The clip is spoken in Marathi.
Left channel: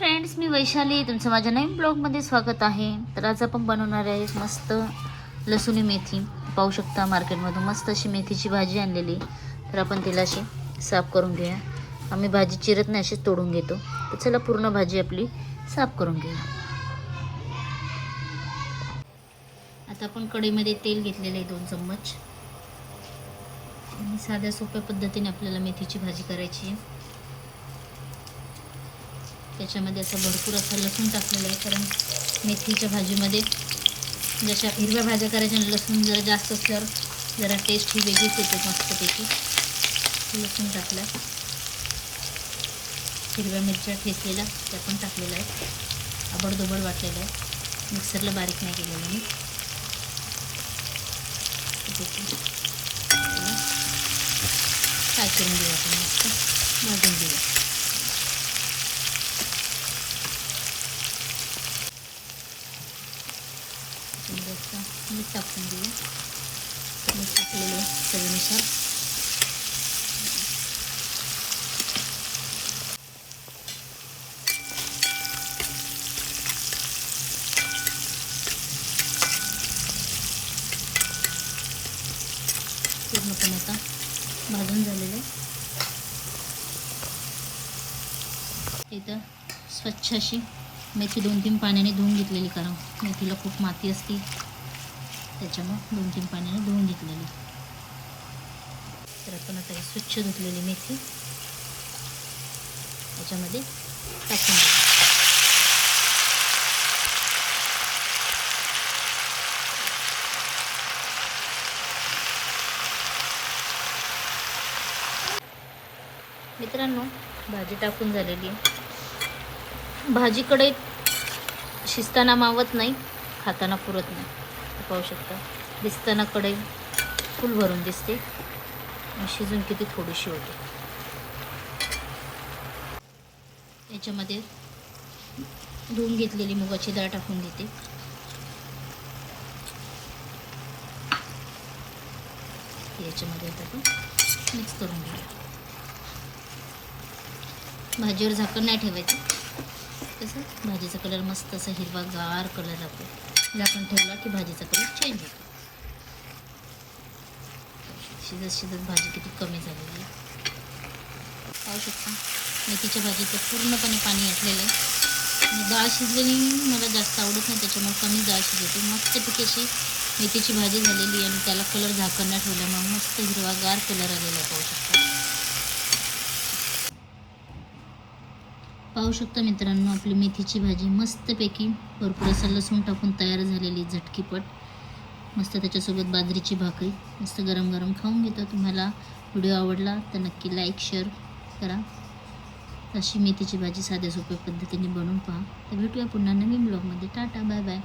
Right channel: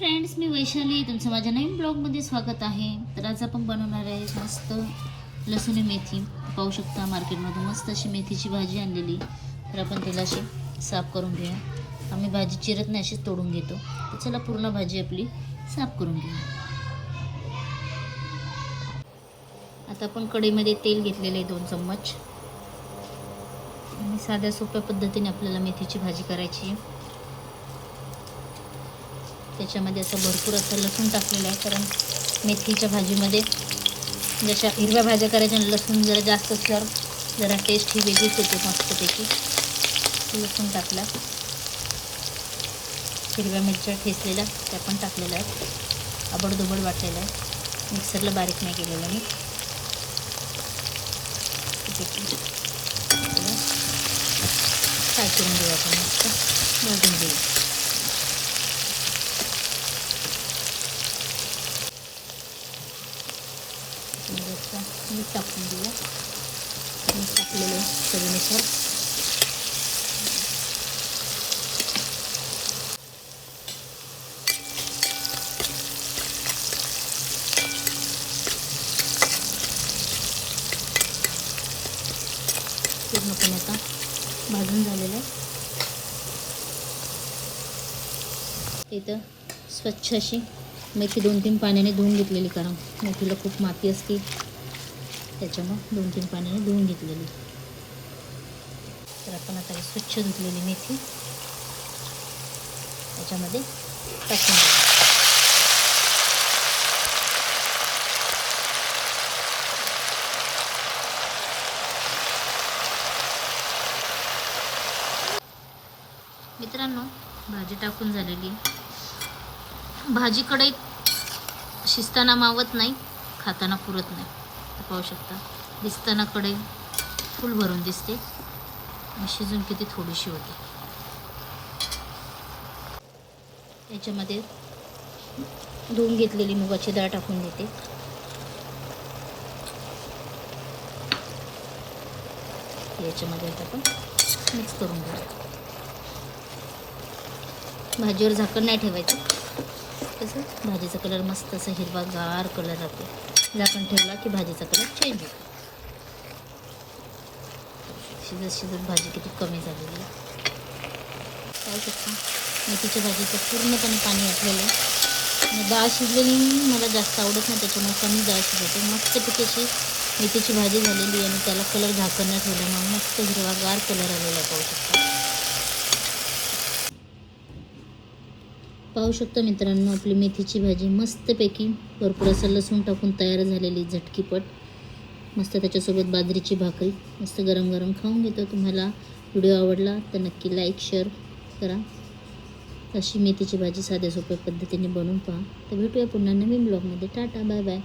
फ्रेंड्स, मी वैशाली, तुमचं माझ्या नवीन ब्लॉगमध्ये स्वागत आहे. तर आज आपण बनवणार आहे मस्त लसूणी मेथी. पाहू शकता मार्केटमधून मस्त अशी मेथीची भाजी आणलेली. तर आपण तिला अशी साफ करून घेऊया. आम्ही भाजी चिरत नाही, अशीच तोडून घेतो. तर चला पूर्ण भाजी आपली साफ करून घेऊया. आता आपण कढईमध्ये तेल घेतलेलं आहे 2 चम्मच. आणि साध्या सोप्या पद्धतीने आपल्याला मेथीची भाजी करायची आहे. त्याच्यामध्ये असं भरपूर असं लसूण टाकलेलं आहे, कारण मेथीच्या भाजीमध्ये जशा हिरव्या भाज्या करायच्या लसूण जरा जास्त असल्यावर जरा टेस्ट ही वेगळीच येते मस्तपैकी. लसूण टाकला, हिरव्या मिरच्या ठेचलेल्या त्या पण टाकलेल्या आहेत. आबडधोबड वाटलेलं आहे, मिक्सरला बारीक नाही केलेलं मी. फ्राय करून घेऊ आपण, मस्त भाजून घेऊ. मीठ टाकून देऊया. मीठ टाकलेलं चवीनुसार. पूर्णपणे आता भाजून झालेलं आहे. इथं स्वच्छ अशी मेथी 2-3 पाण्याने धुवून घेतलेली, कारण मेथीला खूप माती असते, त्याच्यामुळे 2-3 पाण्याने धुवून घेतलेली. तर आपण आता स्वच्छ धुतलेली मेथी त्याच्यामध्ये टाकून द्या. मित्रांनो, भाजी टाकून झालेली आहे. भाजीकडे शिजताना मावत नाही, खाताना पुरत नाही. पाहू शकता, दिसताना कढई फुल भरून दिसते, शिजून किती थोडीशी होते. याच्यामध्ये धुवून घेतलेली मुगाची डाळ टाकून देते. याच्यामध्ये आता आपण मिक्स करून घेऊया. भाजीवर झाकण नाही ठेवायचं, तसं भाजीचा कलर मस्त असा हिरवागार कलर राहतो. झाकण ठेवला की भाजीचा कलर चेंज होतो. शिजत शिजत भाजी किती कमी झालेली आहे पाहू शकता. मेथीच्या भाजीचं पूर्णपणे पाणी आटलेलं आहे. आणि डाळ शिजलेली मला जास्त आवडत नाही, त्याच्यामुळे कमी डाळ शिजवते. मस्तपैकी अशी मेथीची भाजी झालेली आणि त्याला कलर झाकण नाही ठेवल्यामुळे मस्त हिरवागार कलर आलेला आहे. पाहू शकता मित्रांनो, आपली मेथीची भाजी मस्तपैकी भरपूर असं लसूण टाकून तयार झालेली, झटकीपट मस्त. त्याच्यासोबत बाजरीची भाकरी मस्त गरम गरम खाऊन घेतो. तुम्हाला व्हिडिओ आवडला तर नक्की लाईक शेअर करा. अशी मेथीची भाजी साध्या सोप्या पद्धतीने बनवून पहा. तर भेटूया पुन्हा नवीन ब्लॉगमध्ये. Tata, bye bye.